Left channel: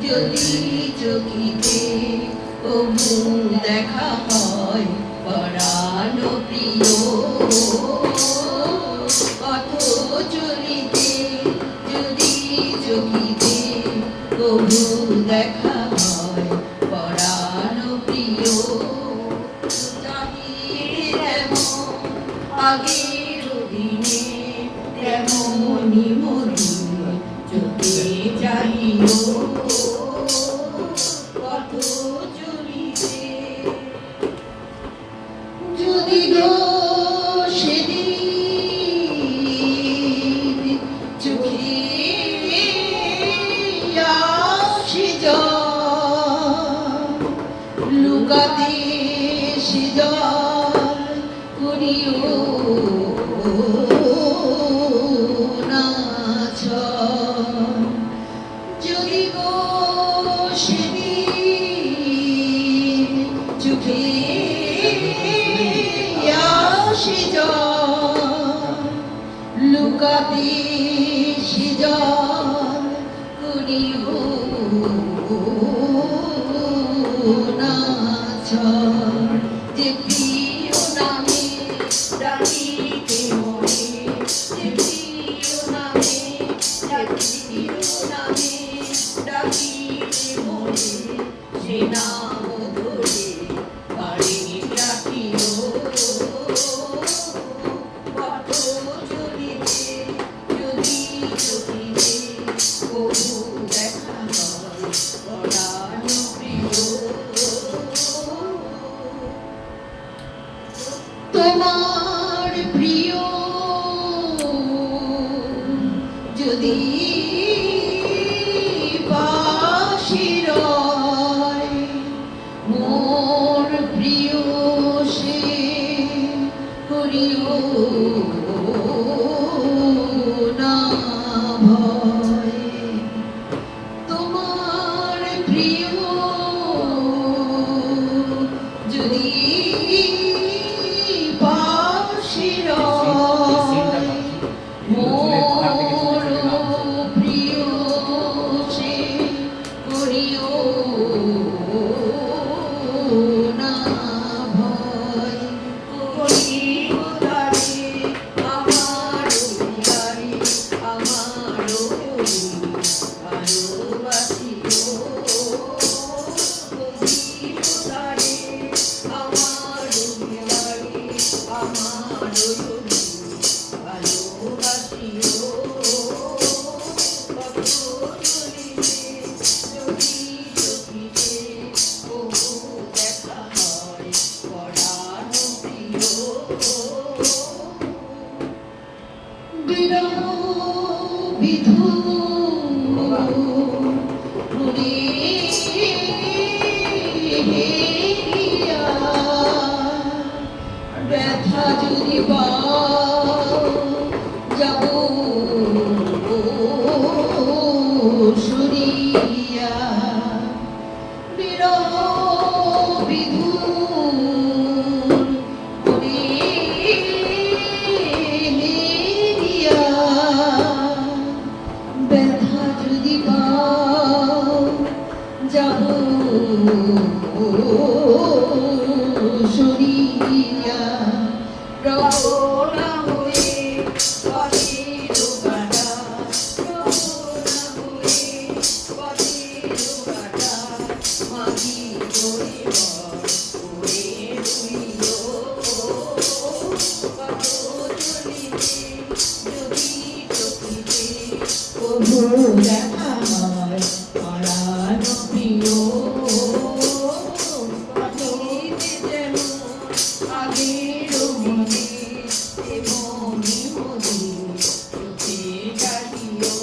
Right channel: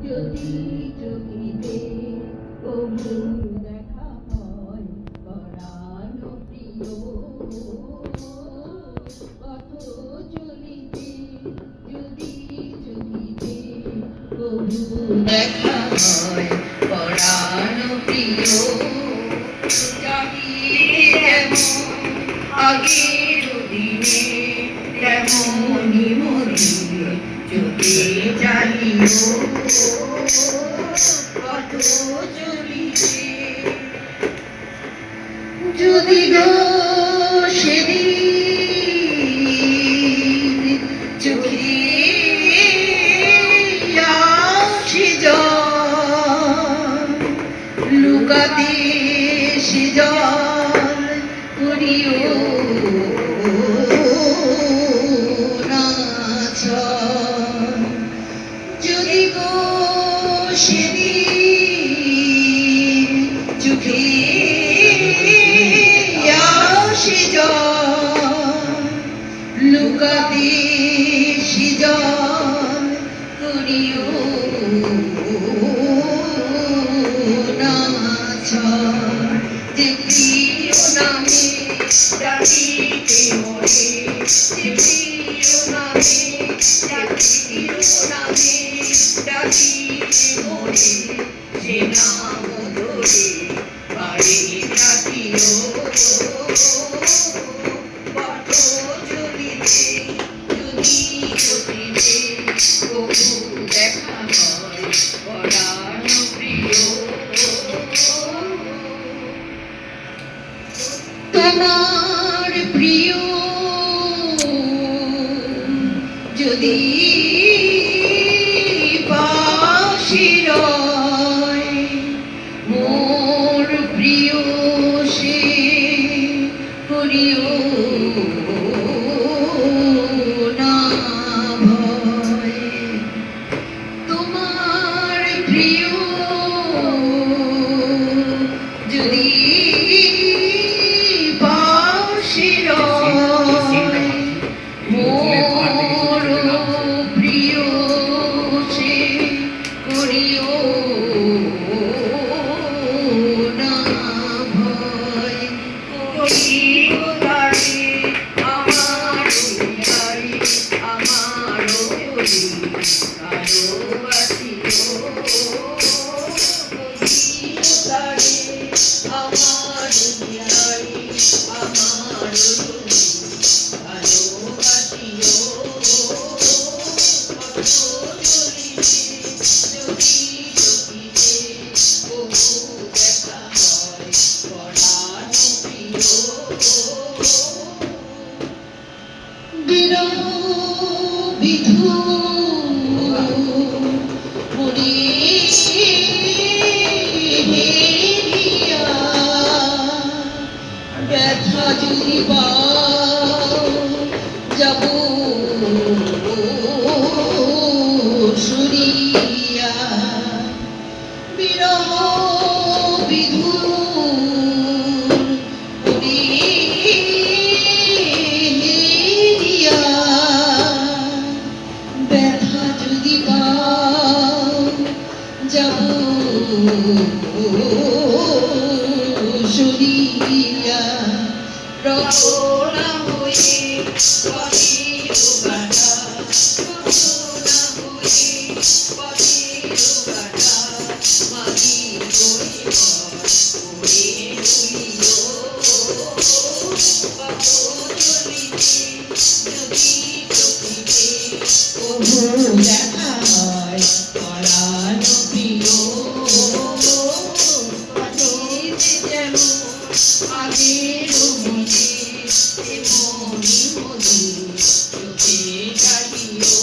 যদি চোখিতে তবু দেখা হয় পরাণ প্রিয় পথ চলিতে যদি চোখিতে তবু দেখা হয় পরাণ প্রিয় আগের দিনে তেমনি মনে চোখে চালিও পথ চলিতে যদি সেদিন চোখে আসি লুকাতে সিজন করিও না যদি গো সেদিন চোখে আসি লুকাতে সিজন করিও না যে প্রিয় নামে ডাকিতে মরে যে প্রিয় নামে ডাকিতে মরে সে নাম ধরে বাড়ি ডাকিও পথ চলিতে যদি চলিতে তবু দেখা হয় পরাণ প্রিয় তোমার প্রিয় যদি পাশে রয় মোর প্রিয় সে করিও না ভয় তোমার প্রিয় যদি মোর প্রিয় সে করিও না ভয় করিও তারে আমার ভালোবাসিও তারে আমার ব্যথা যদি যাব সুরিয়া বিরহ বিধুর ব্যথা যদি যাব সুরিয়া রওনা হয়ে পথের বাটা রওনা হয়ে পথের বাটা মাঝি করে উড়ে উড়িও পথ চলিতে যদি চলিতে তবু দেখা হয় পরাণ প্রিয় পথেতে যেমন আগের মনে তেমনি মনে চোখে ডাকিও